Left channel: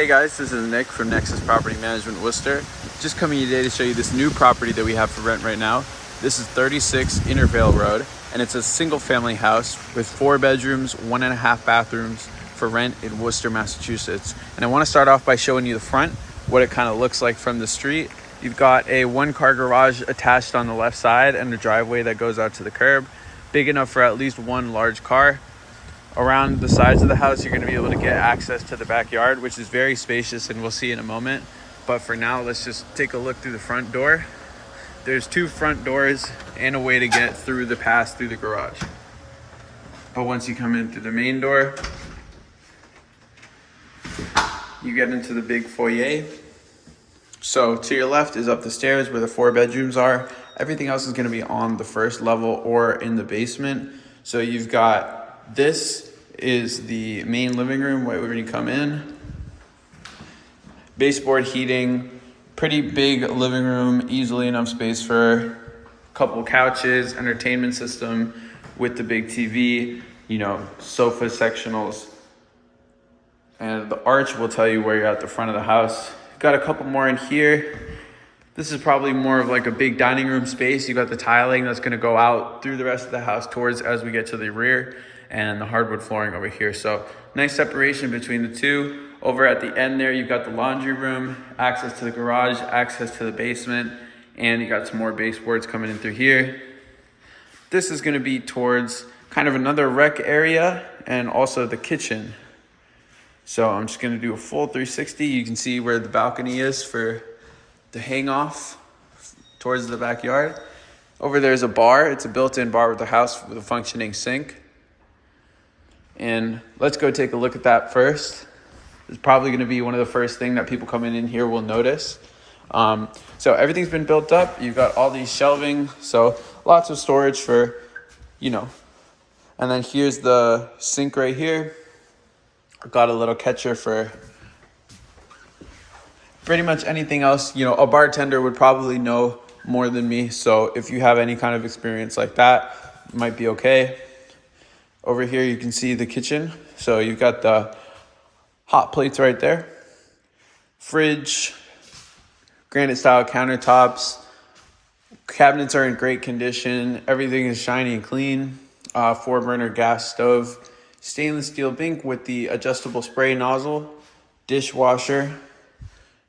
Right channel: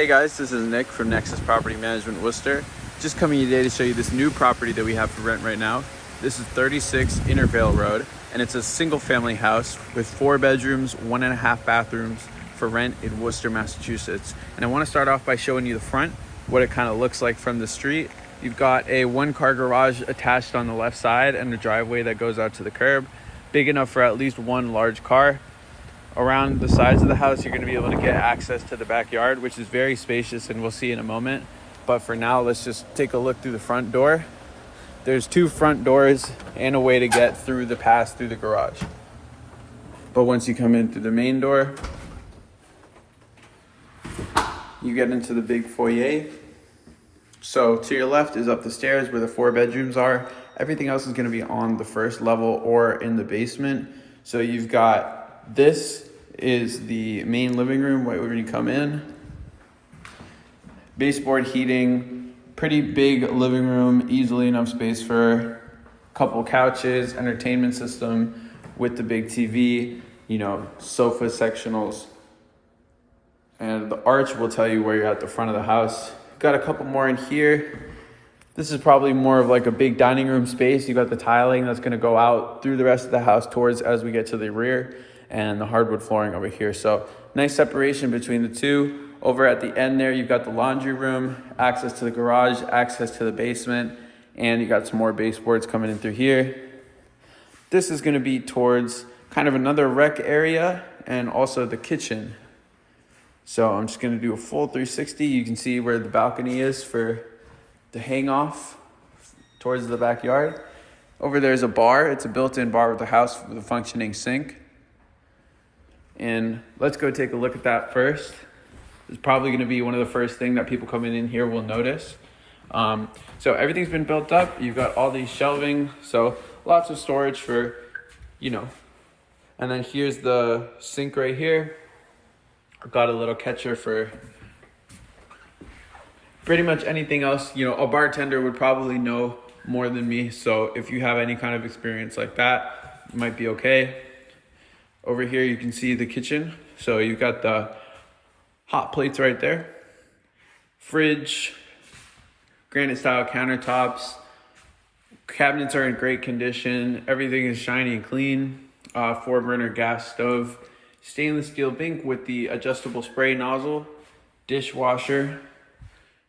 Hey guys, this is Nick from Nexus Property Management Worcester. Just coming today to show you this new property that we have for rent right now. This is 36 Intervale Rd, and it's a single family house with 4 bedrooms, 1.5 bathrooms for rent in Worcester, Massachusetts. And I want to start off by showing you the front, what it kind of looks like from the street. You've got a 1-car garage attached on the left side and a driveway that goes out to the curb, big enough for at least 1 large car. Around the sides of the house, you're going to be able to get access to the backyard, which is very spacious, and we'll see in a moment. But for now, let's just take a look through the front door. There's 2 front doors and a way to get through the pass through the garage. But once you come in through the main door, you get into the big foyer. So to your left is up the stairs where the 4 bedrooms are. Everything else is going to be on the first level or in the basement. So you've got, this is the main living room right when you come in. Baseboard heating, pretty big living room, easily enough space for a couple couches, entertainment system with the big TV, sofa sectionals. And the arch will tell you where you're at the front of the house. Got a couple more in here. This is probably more of like a big dining room space. You got the tiling that's going to go out through the rest of the house towards as we get to the rear, and the hardwood flooring over here. So nice separation between the two. Over at the end there, you've got the laundry room, access to the garage, access to the basement, and you got some more baseboards coming in through here. This is going to be towards kind of another rec area and also the kitchen. So I'm just going to do a full 360. You can see where the balcony is for the hang off towards the backyard. Over there's a bar. It's a built-in bar with the house with a functioning sink. And let's go take a look at that first. It's probably going to be one of the first things that people coming in here will notice. So everything's been built up. You've got all these shelving, so lots of storage for, And then here's the sink right here. I've got a little catcher for pretty much anything else. A bartender would probably know more than me. So if you have any kind of experience like that, it might be okay. Over here, you can see the kitchen. So you've got the hot plates right there. Fridge, granite style countertops. Cabinets are in great condition. Everything is shiny and clean. 4-burner gas stove. Stainless steel bink with the adjustable spray nozzle. Dishwasher.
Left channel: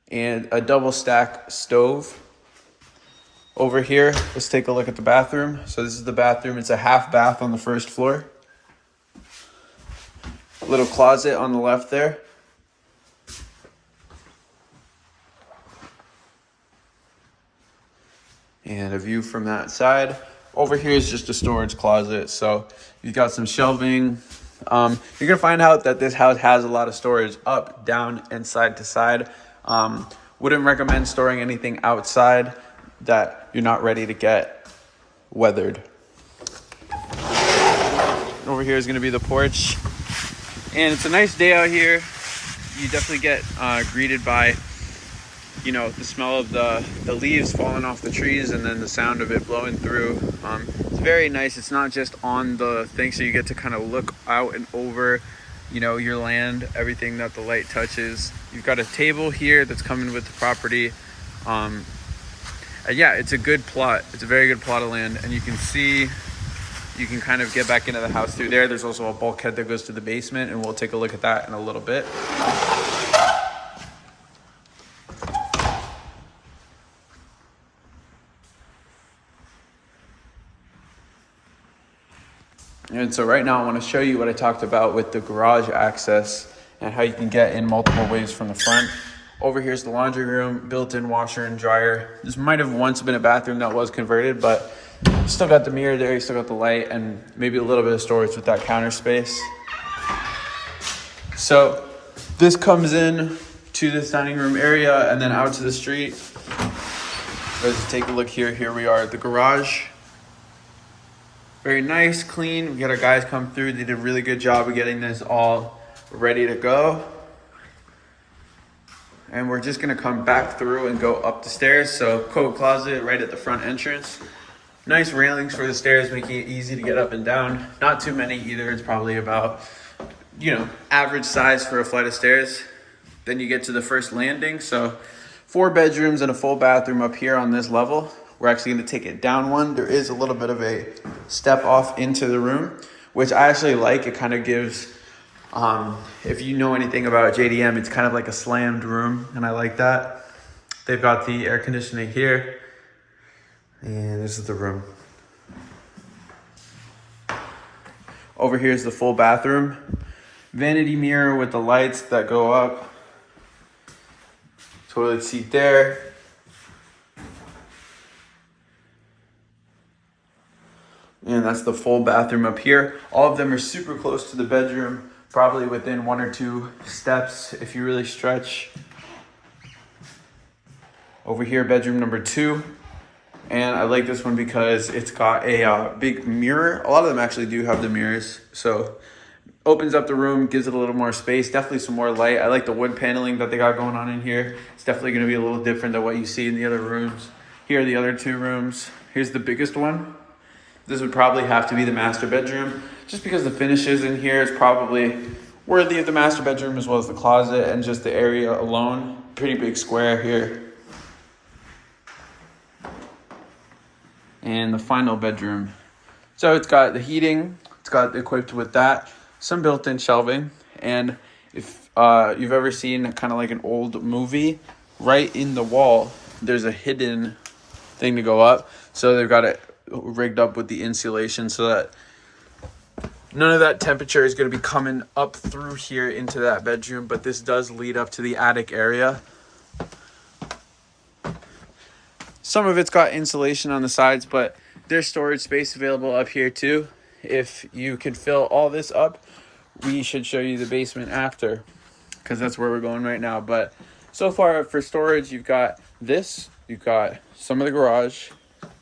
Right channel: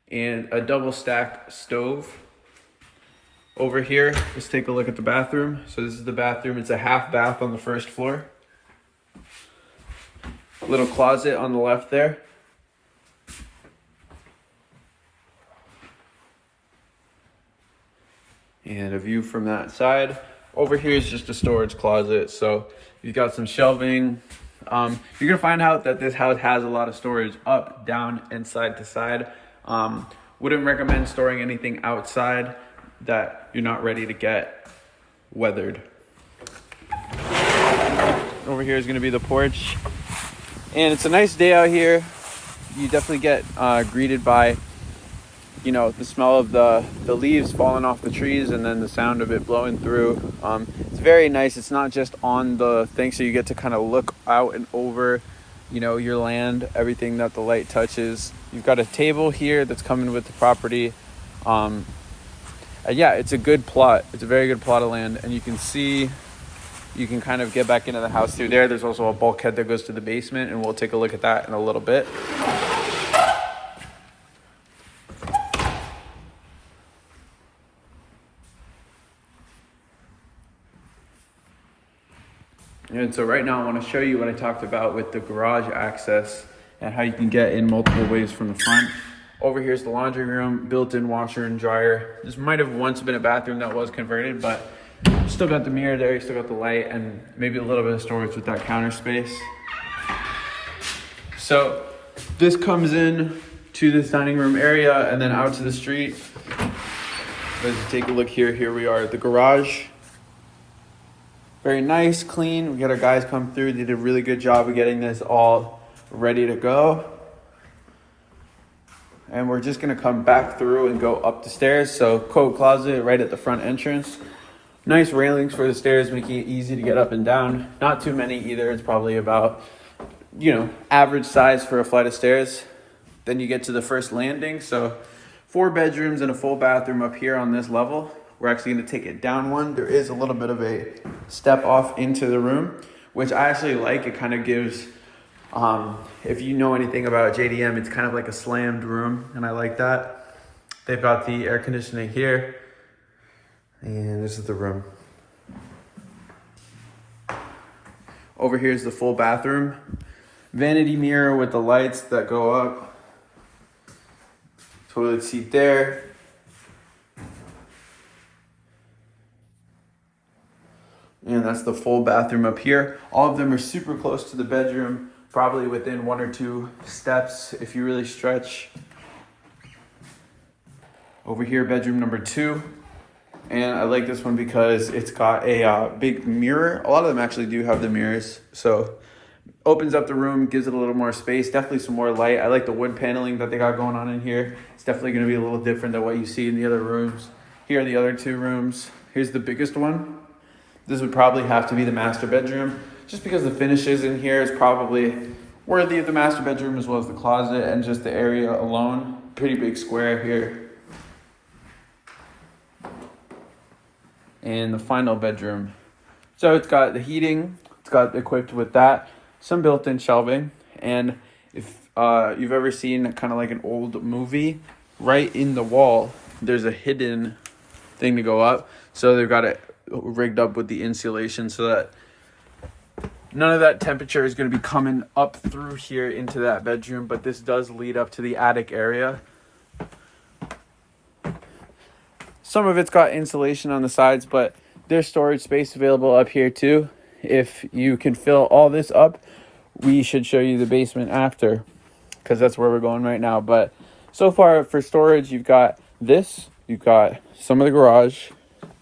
And a double stack stove. Over here, let's take a look at the bathroom. So this is the bathroom. It's a half bath on the first floor. Little closet on the left there. And a view from that side. Over here is just a storage closet. So you've got some shelving. You're gonna find out that this house has a lot of storage up, down, and side to side. Wouldn't recommend storing anything outside that you're not ready to get weathered. Over here is gonna be the porch. And it's a nice day out here. You definitely get greeted by, the smell of the leaves falling off the trees and then the sound of it blowing through. It's very nice. It's not just on the thing, so you get to kind of look out and over, your land, everything that the light touches. You've got a table here that's coming with the property. And yeah, it's a good plot. It's a very good plot of land, and you can see. You can kind of get back into the house through there. There's also a bulkhead that goes to the basement, and we'll take a look at that in a little bit. And so right now I want to show you what I talked about with the garage access and how you can get in multiple ways from the front. Over here's the laundry room, built-in washer and dryer. This might have once been a bathroom that was converted, but still got the mirror there, you still got the light, and maybe a little bit of storage with that counter space. So this comes in to this dining room area and then out to the street. Let's take a look here. Here we are at the garage. Very nice, clean. We got our guys come through. They did a really good job of getting this all ready to go. And we're just gonna come back through and go up the stairs. So coat closet right at the front entrance. Nice railings for the stairs, making it easy to get up and down. Not too many either. It's probably about, average size for a flight of stairs. Then you get to the first landing. So 4 bedrooms and a full bathroom up here on this level. We're actually going to take it down one. There is a little bit of a step off into the room, which I actually like. It kind of gives, if you know anything about JDM, it's kind of like a slammed room, and I like that. They've got the air conditioning here, and this is the room. Over here is the full bathroom. Vanity mirror with the lights that go up. Toilet seat there. And that's the full bathroom up here. All of them are super close to the bedroom, probably within 1 or 2 steps if you really stretch. Over here, bedroom number 2. And I like this one because it's got a big mirror. A lot of them actually do have the mirrors. So opens up the room, gives it a little more space, definitely some more light. I like the wood paneling that they got going on in here. It's definitely gonna be a little different than what you see in the other rooms. Here are the other 2 rooms. Here's the biggest one. This would probably have to be the master bedroom, just because the finishes in here is probably worthy of the master bedroom, as well as the closet and just the area alone. Pretty big square here. And the final bedroom. So it's got the heating, it's got equipped with that, some built-in shelving. And if you've ever seen kind of like an old movie, right in the wall, there's a hidden thing to go up. So they've got it rigged up with the insulation so that none of that temperature is going to be coming up through here into that bedroom, but this does lead up to the attic area. Some of it's got insulation on the sides, but there's storage space available up here too. If you can fill all this up, we should show you the basement after, because that's where we're going right now. But so far for storage, you've got this, you've got some of the garage,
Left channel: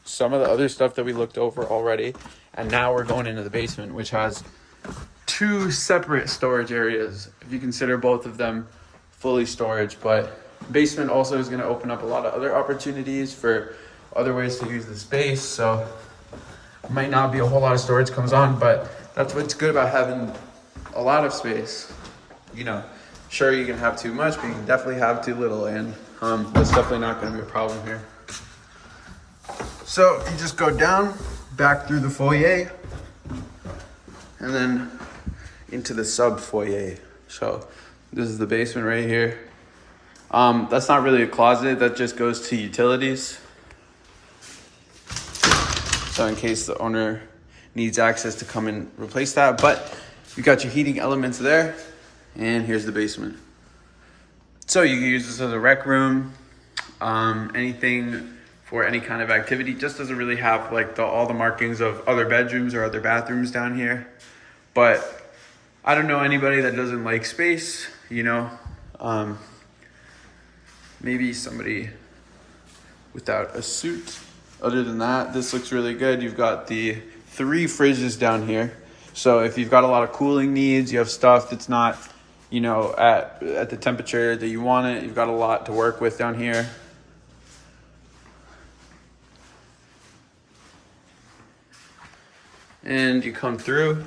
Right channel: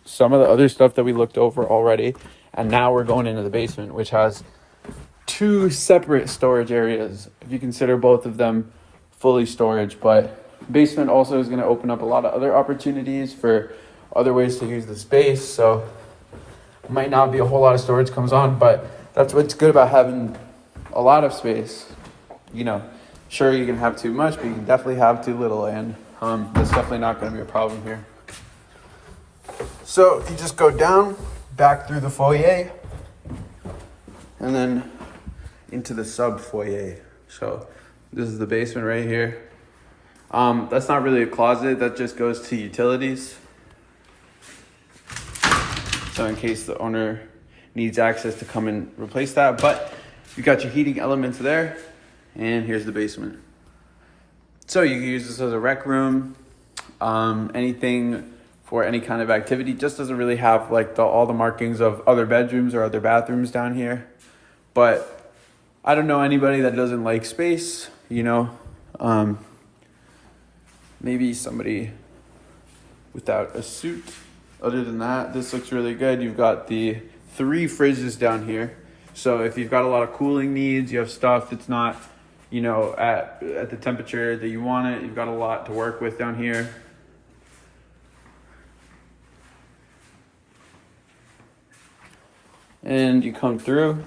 some of the other stuff that we looked over already, and now we're going into the basement, which has 2 separate storage areas if you consider both of them fully storage. But basement also is going to open up a lot of other opportunities for other ways to use the space. So might not be a whole lot of storage comes on, but that's what's good about having a lot of space. You know, sure, you can have too much, but you can definitely have too little, and that's definitely not going to be a problem here. So if you just go down, back through the foyer, and then into the sub foyer. So this is the basement right here. That's not really a closet, that just goes to utilities. So in case the owner needs access to come and replace that, but you got your heating elements there, and here's the basement. So you can use this as a rec room, anything for any kind of activity. Just doesn't really have like all the markings of other bedrooms or other bathrooms down here. But I don't know anybody that doesn't like space, you know. Maybe somebody without a suit. Other than that, this looks really good. You've got the 3 fridges down here. So if you've got a lot of cooling needs, you have stuff that's not, you know, at the temperature that you want it, you've got a lot to work with down here. And you come through.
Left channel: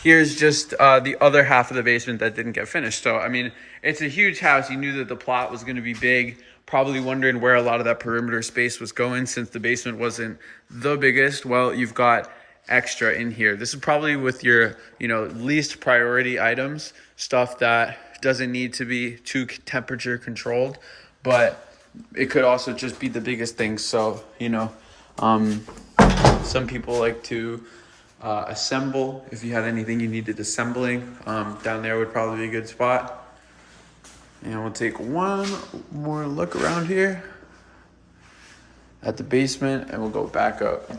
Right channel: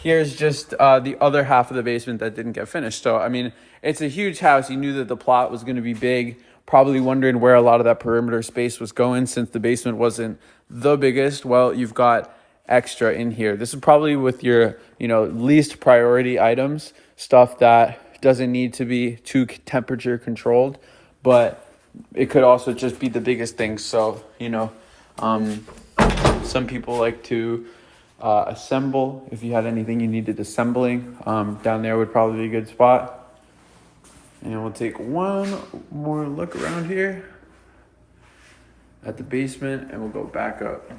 Here's just the other half of the basement that didn't get finished. So, I mean, it's a huge house. You knew that the plot was going to be big. Probably wondering where a lot of that perimeter space was going since the basement wasn't the biggest. Well, you've got extra in here. This is probably with your, you know, least priority items, stuff that doesn't need to be too temperature controlled, but it could also just be the biggest thing. So, you know, some people like to assemble. If you had anything you needed assembling, down there would probably be a good spot. And we'll take one more look around here at the basement, and we'll go back up.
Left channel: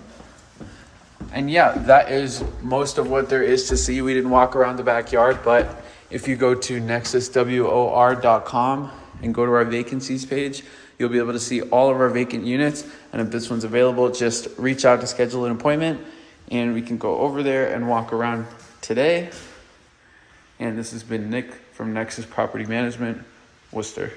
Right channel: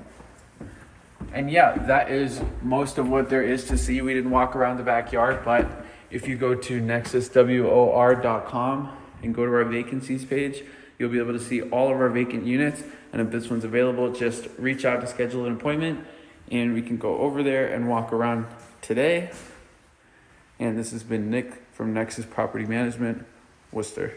And yeah, that is most of what there is to see. We didn't walk around the backyard, but if you go to nexuswor.com and go to our vacancies page, you'll be able to see all of our vacant units. And if this one's available, just reach out to schedule an appointment, and we can go over there and walk around today. And this has been Nick from Nexus Property Management, Worcester.